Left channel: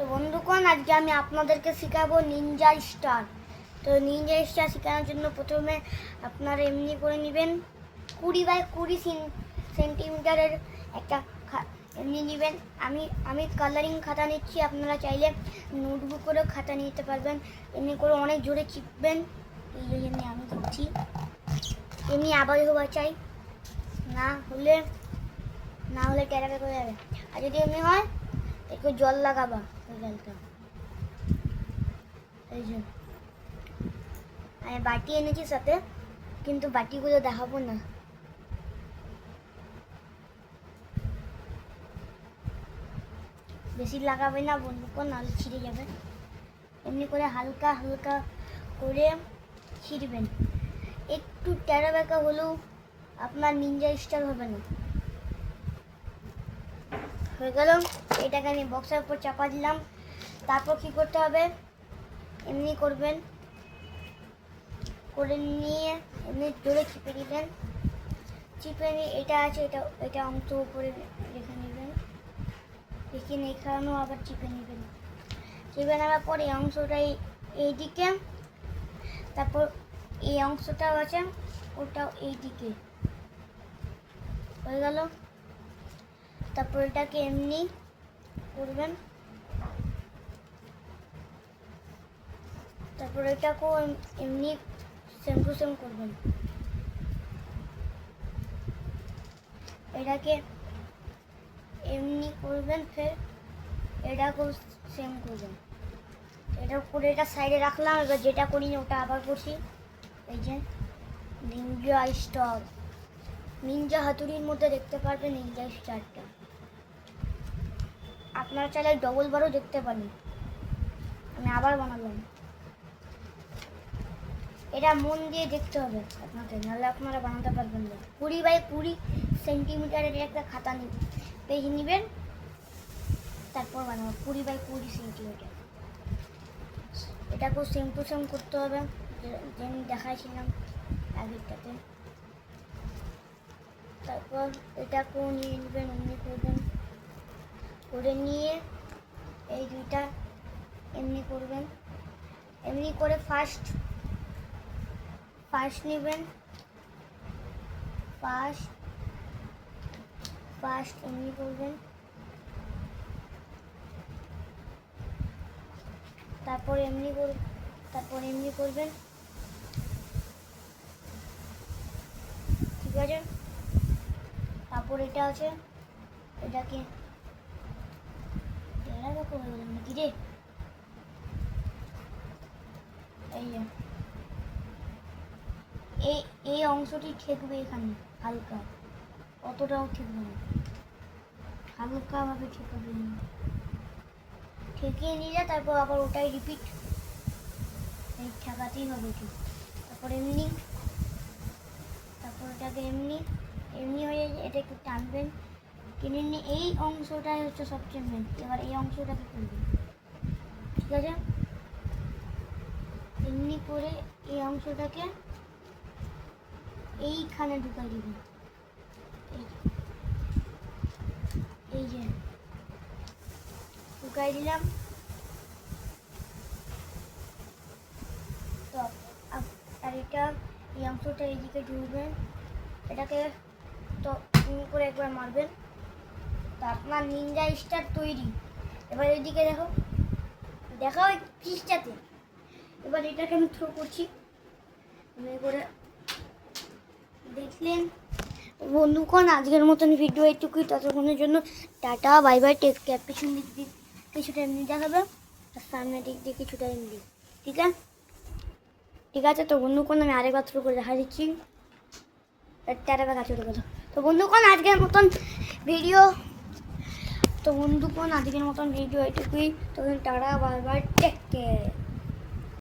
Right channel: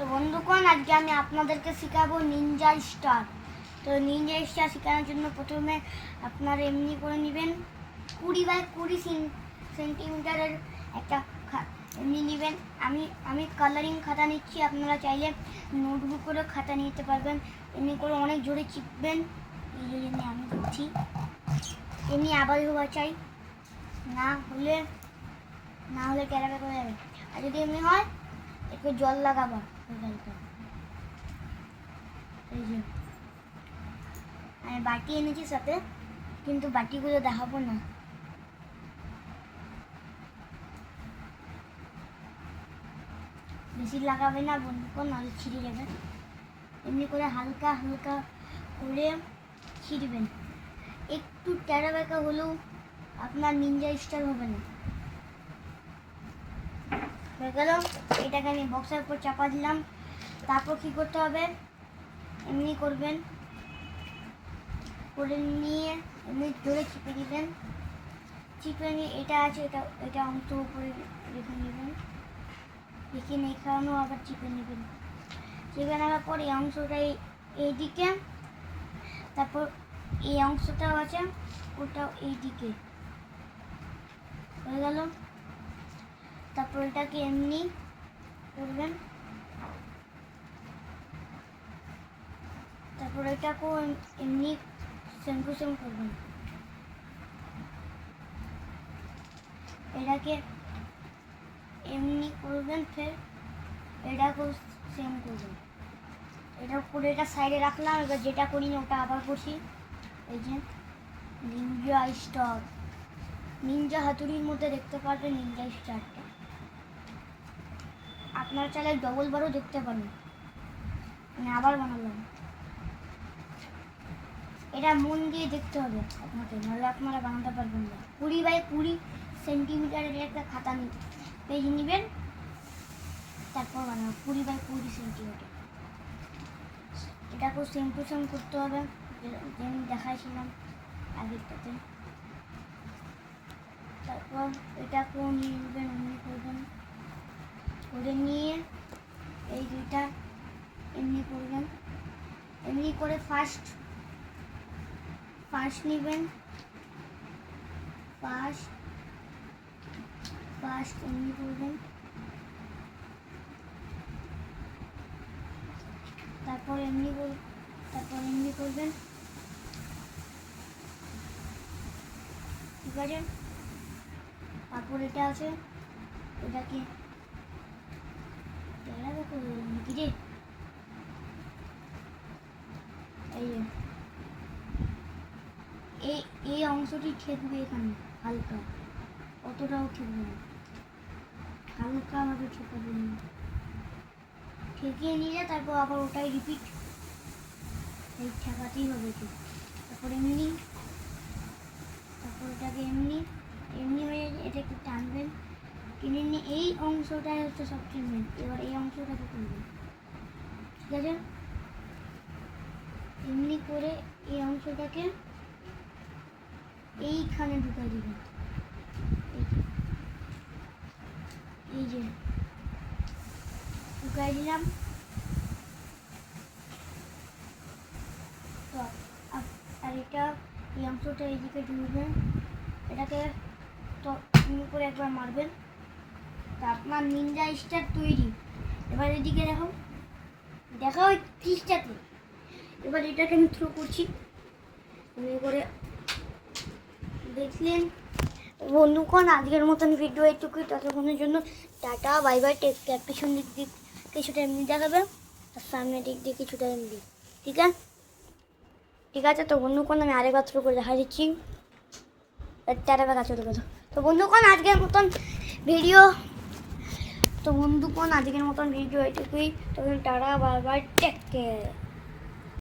তো বন্ধুগণ, আজকে আমি আপনাদেরকে শেখাবো নিনজা স্টার। তো নিনজা স্টার শেখানোর জন্য প্রথমে আপনারা এমনি করে নেবেন 20 বাই 20 সেন্টিমিটারের একটা এমনি নেবেন। আমি কালারিং খাতা নিচ্ছি, আপনারা চাইলে নোটবুকেরও খাতা নিতে পারবেন। এমনি করে অনেক জোরে চিপবেন, এই জন্য আমি দিচ্ছি। এমনি আবার হওয়া চাই, না হলে ক্যারাবে করে যাবে। আর যদি এমনি হয় একটু জল লাগাবা, জলটা এই যে আমি বাটি এনেছি সাথে, কিন্তু বাটিগুলো দেখাবো না। বেশি লাগাবে না বন্ধুগণ, নাহলে ছিঁড়ে যাবে। এমনি করে হালকা হালকা করে ছিঁড়বেন। একটু টেরা বেঁকা হলেও আপনার নিনজা স্টার হবে না। হয়ে গেল। এটাকে আমি বক্সের উপর চাপা দিলাম। তারপর কি করতে হবে, এমনি করবেন, করে নিয়ে এমনি জোরে চিপে দিবেন। চিপে নিয়ে এটা আছে, এটা অংশ উপরে রেখে নেবেন। রেখে এখানেও আবার চিপে নেবেন। চিপে নেওয়ার পর এই অংশটা এইদিকে, তারপর এই অংশটাও আছে, ওটাও এইদিকে হয়ে গেল। তারপর এটাকে এমনি করবেন, তারপর এটাকেও এমনি সেম টু সেম করবেন। এটাকে এমনি করবেন, ফের এটাকেও সেম করবেন। এটা করে এটা সাইডে রাখলাম। এবার যেটা করি না ওটা আবার করছি। এই যে নিনজা স্টার, নিনজা হাতুড়ির মধ্যে দেখতে পারবেন নিনজা স্টারটা। আপনারা চাইলে ডবল বারও দেখতে পারেন। আমি আবার বানালাম। এটা মন দিয়ে দেখতে হবে আপনাকে, নাহলে আপনারা বানাতে পারবেন না। 20 বাই 20 সেন্টিমিটারের একটা খাতা পেজ নেবেন, তারপর বানাবো 20 বাই 20 সেন্টিমিটার। এটাকেও সেম টু সেম করতে হবে, যেমন দেখাইছিলাম আগেরটাতে। তারপর এটাকেও নিয়ে নেবেন, এমনি করবেন, করে নিয়ে এই দুইটা এমনি করবেন। এমনি করে ফার্স্ট নেবেন, ফার্স্ট এমনি করবেন, তারপর এমনি করবেন। ঠিক আছে। তারপর এটা আছে, এটাকে ধীরে এই অংশটি ঠেকবে এখানে হালকা, অতটাও ঠেকবে না, হালকাভাবে ঠেকাবে নিয়ে ঠেকিয়ে নিলে তারপর আবার ওটাই রিপিট, এই ঠেকাতেই হবে ঠিক। তারপর ওটাকে এমনি হয়ে এটা একটু টানবেন, কিনে নিয়ে এই অংশটাই হচ্ছে সবচেয়ে মেন। এবার এই অংশটাকে করবেন, ঠিক আছে। এমনি করে এই অংশটাকে এইখানে ঢুকাই দিবেন, এই যে ঢুকাই দিলাম। তো আর এটা এই অংশটা এইদিকে ঢুকবেন, এটাকে তো এমনি করে একবার মারবেন। তো আপনার নিনজা স্টার তৈরি। এবার এইদিকে দেখো ওই ফিসটাতে। এবার এটাকে আমি থ্রো করছি, এমনি করে দেখলেন। বন্ধুগণ, আজকের মতন ভিডিও এইটুকুই। ততক্ষণের জন্য টাটা, বাই বাই। টেক পিছন দিক কিছুটা এমনি দেখাবে, আর সামনের দিক দিয়ে কিছুটা এমনি। ঠিক আছে। তো বন্ধুগণ, আমি আরেকবার থ্রো করে দেখা দিচ্ছি। টাটা বেলা চলে গেল। তো বন্ধুগণ, আজকের মতন ভিডিও এইটুকুই। তখন টাটা, বাই বাই, টেক কেয়ার।